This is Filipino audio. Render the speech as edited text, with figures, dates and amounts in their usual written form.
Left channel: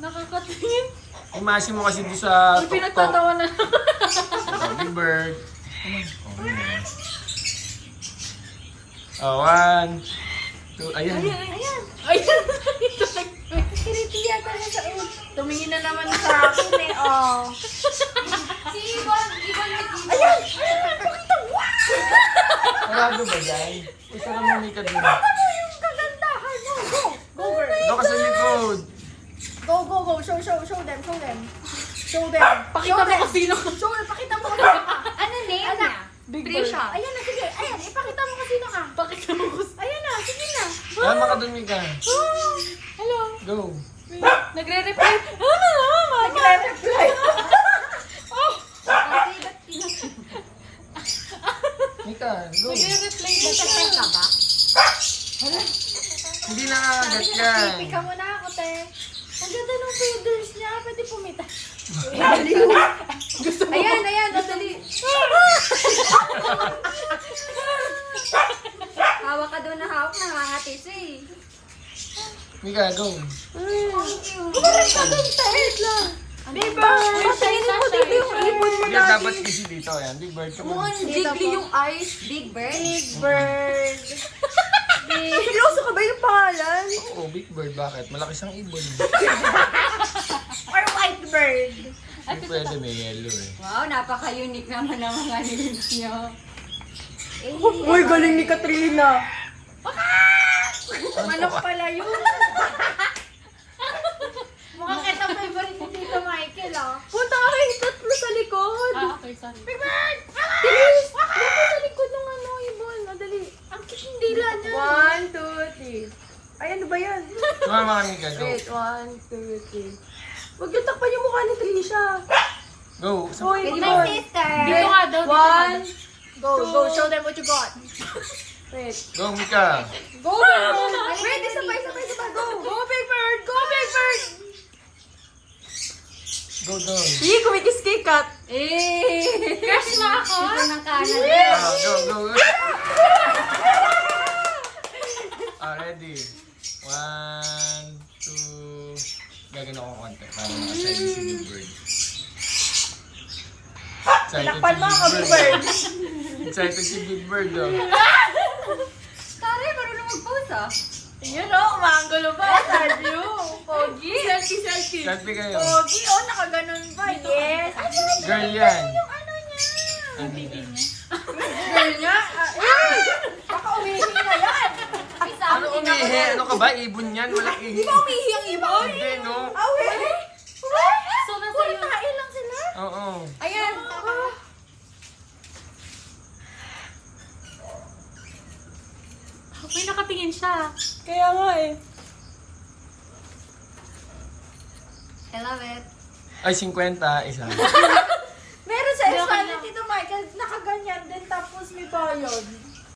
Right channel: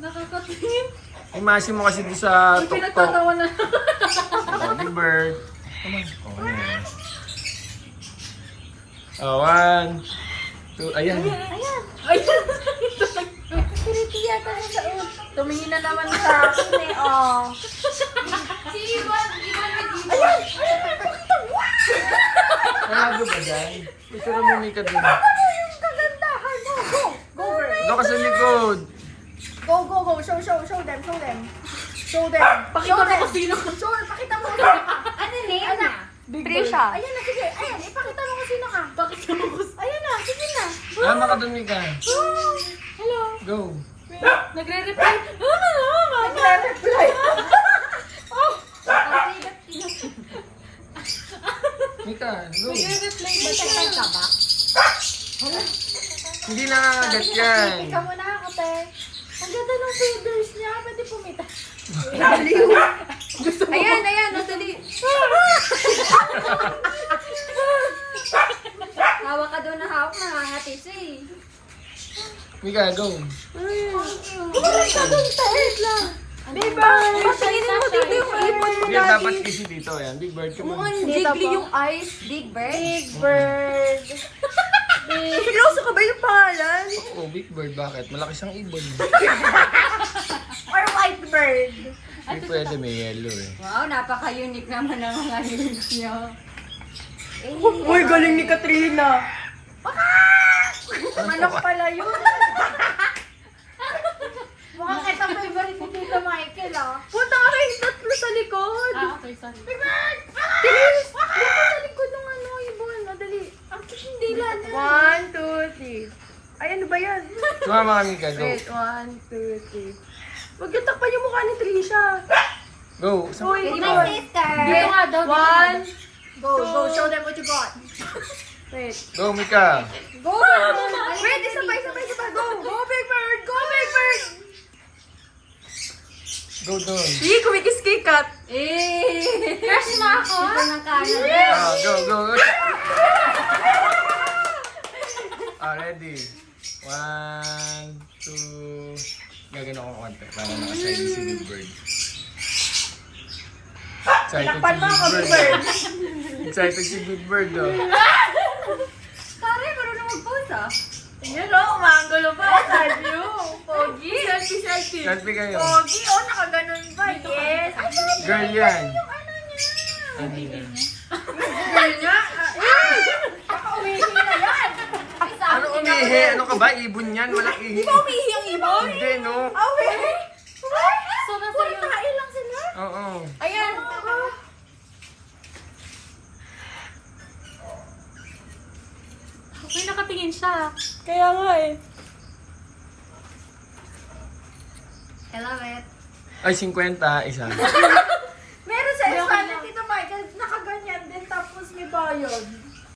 Nakakatingin. Imasin mo kasi doon sa Ay, tuktok. pinagtatawa na. Big Bird. Oh, yes. Oh, 1, 2, ayan. Ayan. Ayan. Kiriti yata na sa ulo. Tumingin na naman sa akin eh, oh. Si Ibon. Ayan! Sarado ba dyan? Gusto ko mumika doon. Ano yung kagandahan mo? Go! Go, girl! Doon ka sa likod. Go, go, go! Show them! Show them! Pakita mo kung sino ka. Show them! Pakita mo kung sino ka. Ano name niya? Big Trisha. Bird. Ayan na, sige. Ayan, ipakita mo kung sino ka. Pakita mo kung sino. Ayan na, sige na. Tama ka doon, Mika. Oh, hello. Go. Nagre-reply. Mama! Nagre-reply. Oh! Kasi ba't pinag- Mika, go. Nagre-reply. Nagtatay ka ba? Hindi nangangagat yan. Pika mo na ako, te. Ang ganda ng feathers niya. Pwede pumita. Gusto mo? Ayan, dali. Hawak ka doon na hawak, nangangati siya eh. Mika, go. Bumalik ka doon, te. Big Bird! Big Bird! Hindi, dapat kasi dito. Ayan, Big Bird ka mo. Jiggly yung eyes. Big Bird? Big Bird! Seryoso ka ba yung pangalan? Oo, Big Bird. Bakit? Malaki siyang ibon. Or White Bird? Hindi pwede, may yellow eh. Wow, napaka-unique naman ng mga names niyo. Uy, galing ni Katrina! Manok pala yun! Mukhang ito favorite ni Tito Michael, ah. Punta ka kayo tatlo sa likod! Okay, sorry. Big Bird! Dali! Dali sa likod ng ano, ibon. Madali. Ang cute yung dila niya. 1, 2, 3. Ay, ano ba yan? Sumama ka, Mika. Go. 1, 2, 3. Huwag yung takpan yung mukha ni Trisha. Go. Sama. With my sister. Dito nga daw, dito nga daw. Go, show them what you got. Wait. Go, Mika. Go, Big Bird! Wait, sabay. Go, Big Bird! Go, Big Bird! Go doon. Hindi, kumikis kay Kat. Eh! Crush mo ako? Ito ng kanan. Ah, go. Ready. 1, 2. Gagano ko konti para nakasayin si Big Bird. Excited Takpan mo ako, si Big Big Bird. Bird. Excited si Big Bird, oh. Tari, marunong mag-pose ah. Yun o, umangulo pa. Love you. Pogi. Selfie. Selfie kayo. Pogi. Oh, nakaganon pa. Yes. Ay, Girl yan. yung ano niya. Ano yan? Girl niya. Ay! Baka umihi na yan. Ano umihi? Ano ka ba? Ibon yan? Walang ihi. Umihi ang ibon? Hindi, no? Awe. So, nasa iyo. Kain lang sila. Oo. Ayan. May nakatingin siya. Kaya nga eh. I love it. Ay, 50. Isa. Meron sa Espanya, Tito Michael, nakaganyan din tapos may bayad.